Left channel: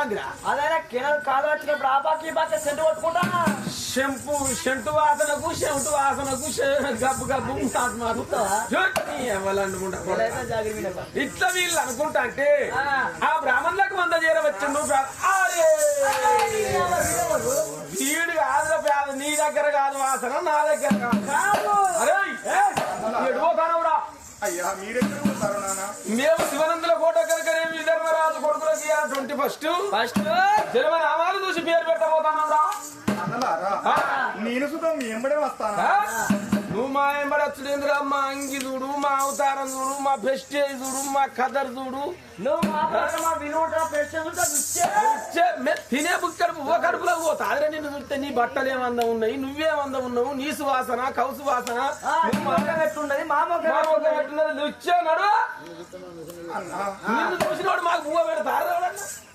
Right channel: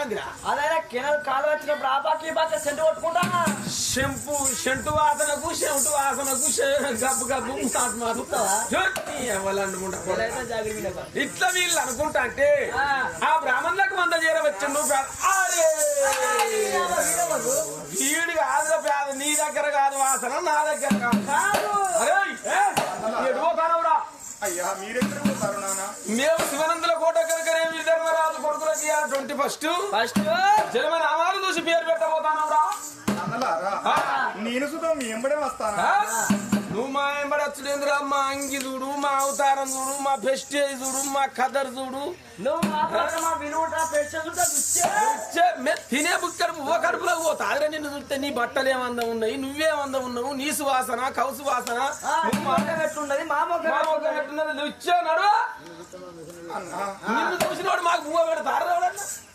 వస్తాందిరా అదైనా కిణల్ కాలు వచ్చినప్పుడు ఆ బాకి ఈ బాకి సెంటు కొట్టుకుంటా షెంటు వాసనకు చెంటు వాసనకు గబ్బు గబ్బు ఇట్లా వీళ్ళు అనుకుంటా అంటే ఆ బ్రాహ్మణులకు వంద చేరవచ్చిండు వీడు కాదురా పేద నీ దగ్గర కాదు వాసన నా దగ్గర కాదు అయ్యా మీరెక్కడ పోతారు నాన్న మేము శివనందుల కోట కనుక విధర్మరాజు కొడుకులకి 21 జన్మ నామాలు చూసి పేరు పెట్టబోతాను అన్నలారా నేను సుతం మీ ఎంబడే వస్తానా నువ్వు మా ఎంబడచ్చుడేంద్రా మా అంగి చూడు మా అవతారం చూడు మా ఫెస్టేజ్ చూడు మా కదర్ చూడు నువ్వు మా విలువ తినే బుక్కడుపు ఓ కడుపులో పోతా అదే నిన్ను చూస్తే నీ బట్టలు ఏమందం ఉన్నాయి నువ్వేమందం ఉన్నావు నీ సువాసన కౌసు వాసన ఎట్లున్నది మా నువ్వు ఇచ్చాడు నిన్ను చూసినోడు మాకు పువ్వ పెడతారు